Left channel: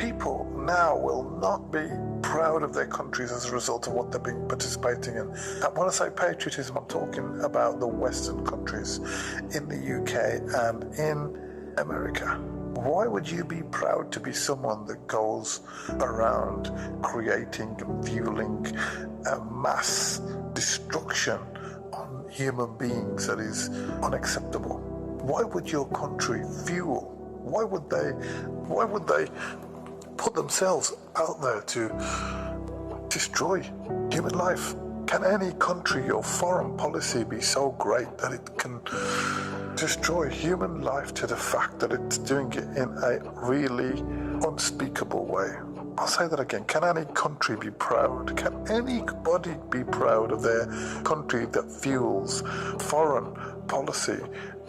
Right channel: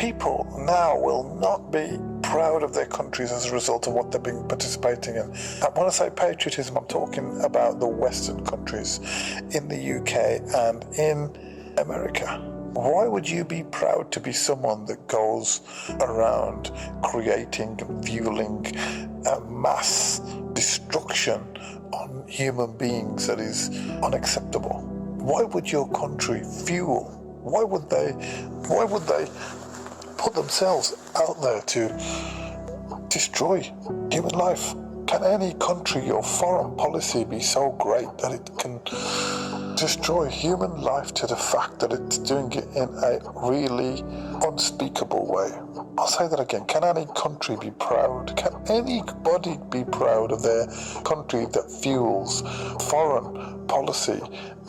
People now will not be proud of their countries as a result of what they've been participating in. And when I say patriotism, I'm talking about the Western countries in the UK and in America. Why would you be proud to be someone that goes around creating and fueling a mass destruction on human beings that is unacceptable? Why would your country fuel? Why would they put themselves out there to destroy human life? Can any country or foreign policy be so great that it can destroy human life to the fact that it's doing it in a really unspeakable way? I'll say that again. Can any country be proud? Can anybody be proud of their country that fuels foreign policy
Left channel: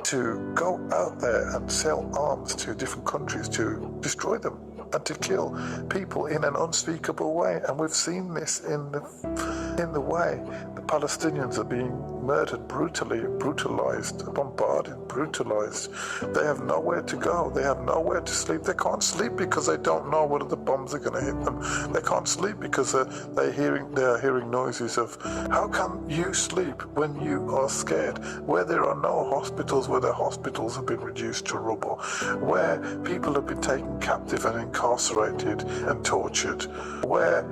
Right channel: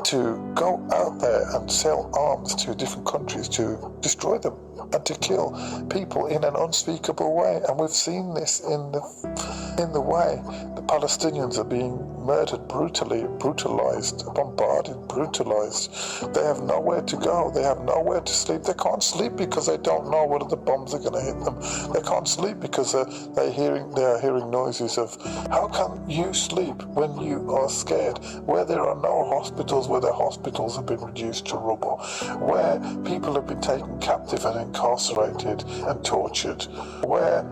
to go out there and sell arms to different countries to destroy them and to kill people in an unspeakable way? And we've seen this in the way the Palestinians are being murdered brutally, brutalized, bombarded, brutalized. They have nowhere to go. They have nowhere to sleep. They can't sleep because they don't know whether the bombs are going to hit them. They can't sleep because they're hearing noises of, how can you sleep when you are scared? Where there are no hospitals, where the hospitals have been reduced to rubble, where people have been taken captive and incarcerated and tortured, where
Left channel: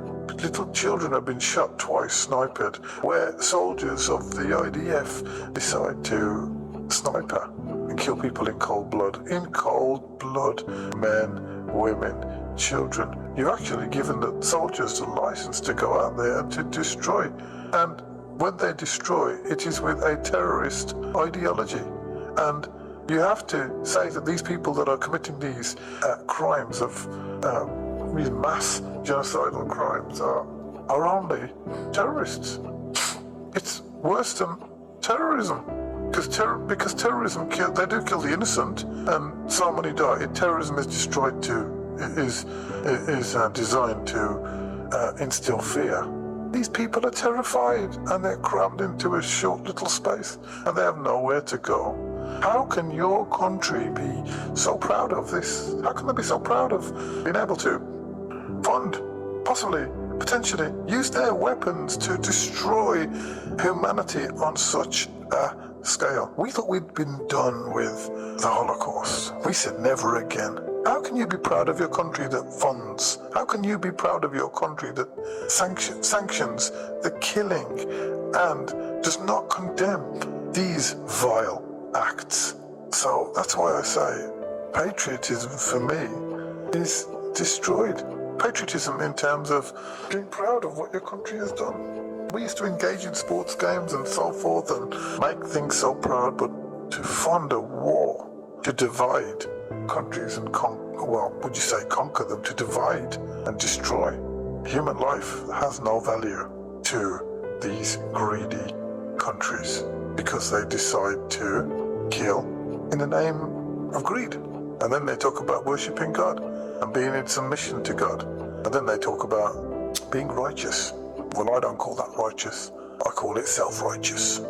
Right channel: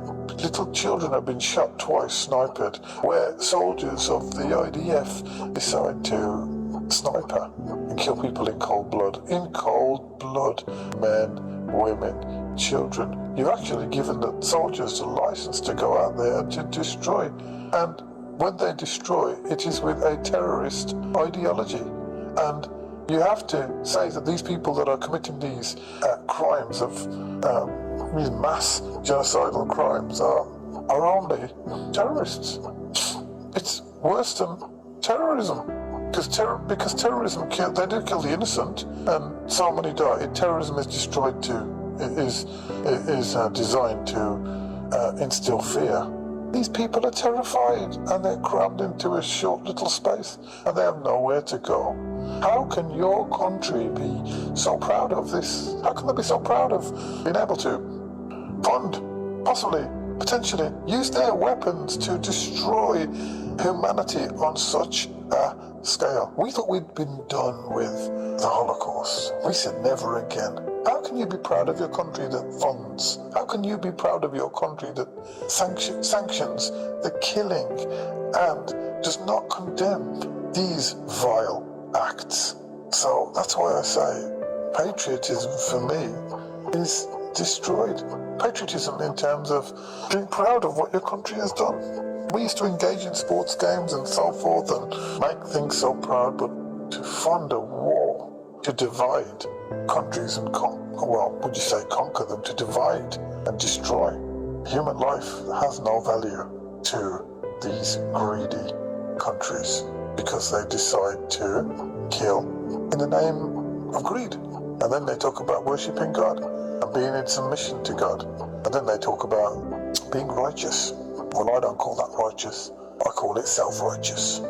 little children have been shot twice, sniped, where soldiers of the IDF decide to sniper and kill people in cold blood. In cold blood, men, women, children. You've actually given the soldiers the license to go out there and to destroy. And when they destroy, it is with a terrorist ideology. And you have to say that these people that are committing these crimes of these mass genocidal crimes are only terrorists. It's worse than terrorism, because terrorism they do kill the innocent, and so many die. Terrorism is destroyed is designed to instill fear. These people are terrified and they're crammed into a short little space and they have nowhere to go. How can your country be so proud of this? How can they be so proud of being able to fund, possibly, potentially, use their weapons to destroy humanity on such a scale? We thought we'd been done with the Holocaust. We said never again. How can you be proud of your country that funds? How can you be proud of your country that sanctions the killing and does not condemn these vile acts? So that's why I say patriotism for me is destroyed. Patriotism in terms of being proud of what your country has done. We used to engage in sports games and so forth and make things so proud, but to fund a war, to divide countries and conquer them, to divide and destroy. Human life has no value to these greedy countries because they decide to kill in the name of greed. And then they talk about worshipping God and being in submission to God. And then they talk about being righteous. Well, I don't call that righteous. I call it self-righteous.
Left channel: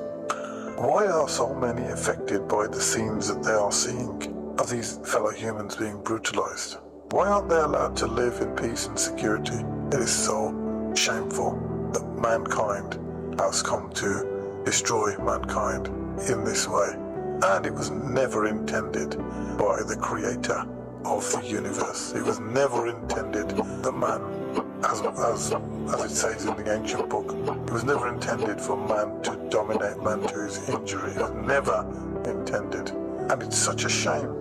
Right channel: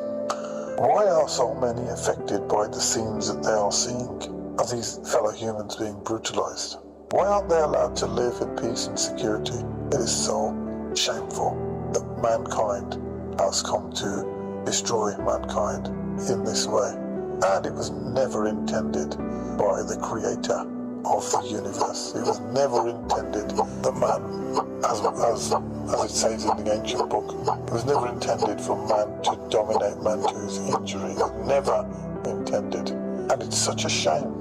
Why are so many affected by the scenes that they are seeing of these fellow humans being brutalized? Why aren't they allowed to live in peace and security? It is so shameful that mankind has come to destroy mankind in this way. And it was never intended by the creator of the universe. It was never intended that man, as it says in the ancient book, it was never intended for man to dominate man to his injury. It was never intended. And it's such a shame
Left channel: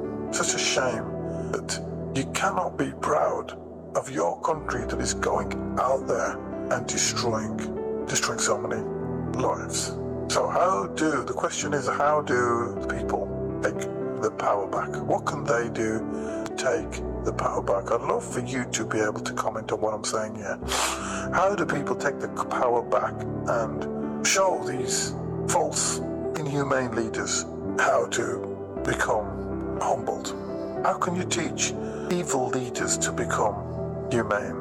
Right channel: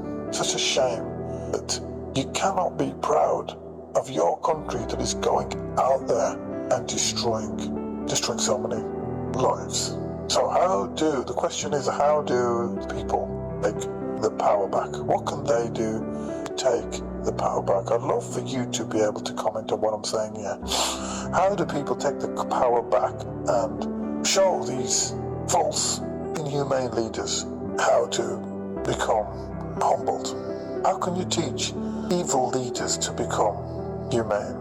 that you cannot be proud of your country that is going out there and destroying so many lives. So the question is, how do people take the power back? What can they do to take the power back? I'd love for you to be able to comment on what I'm saying here. How do people take the power back and show these false, inhumane leaders how to become humbled? How can you teach evil leaders to become humane?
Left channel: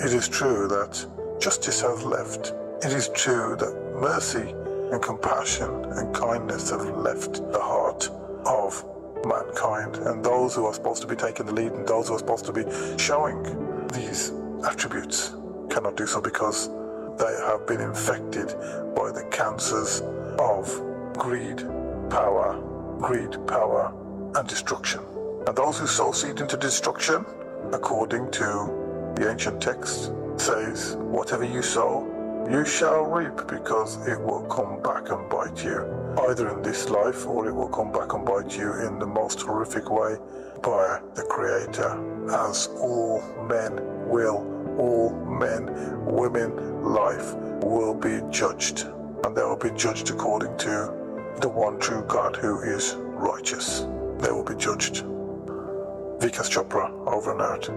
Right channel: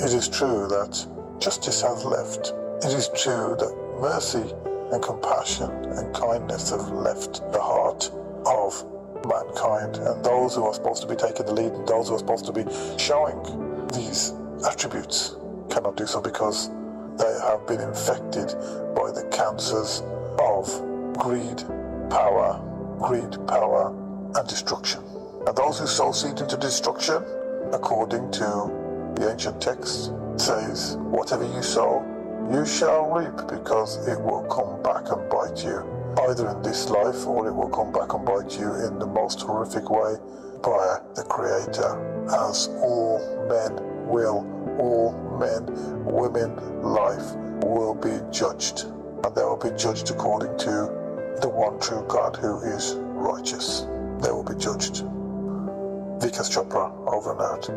It is true that justice has left. It is true that mercy and compassion and kindness have left the heart of mankind, and those who are supposed to be taking the lead and those who are supposed to be showing these attributes cannot do so because they have been infected by the cancers of greed, power, and destruction. And those who sow seed into destruction, according to the ancient text, says, whatever you sow, you shall reap, because it will come back and bite you, either in this life or it will come back and bite you in the most horrific way by the Creator, as all men, women, life will be judged, and they will be judged according to the one true God who is righteous. They will be judged. Vikas Chopra, over and out.